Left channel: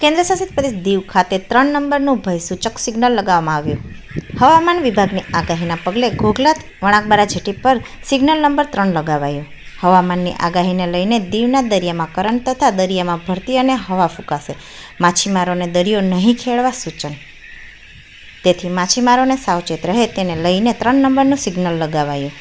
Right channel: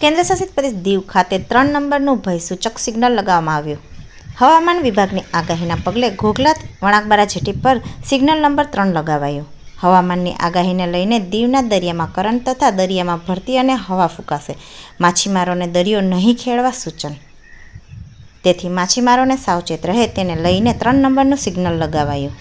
કેન્દ્રશાસિત પ્રદેશ દીવ ખાતે 3 નંબરનું ભયસૂચક સિગ્નલ લગાવવામાં આવ્યું. હવામાન વિભાગની આગાહીના પગલે ઘોઘલા વણાકબારા જેટી પર સિગ્નલ નંબર 3 લગાવાયું. હવામાનની આગાહીને લઈને દીવના દરિયામાં કરંટ તથા દરિયામાં ભરતી અને હવા ફૂંકાશે. માછીમારોને દરિયો નહીં ખેડવા સૂચન. તેથી માછીમારોને સાવચેત રહે તેને લઈને 3 નંબરનું સિગ્નલ લગાવાયું.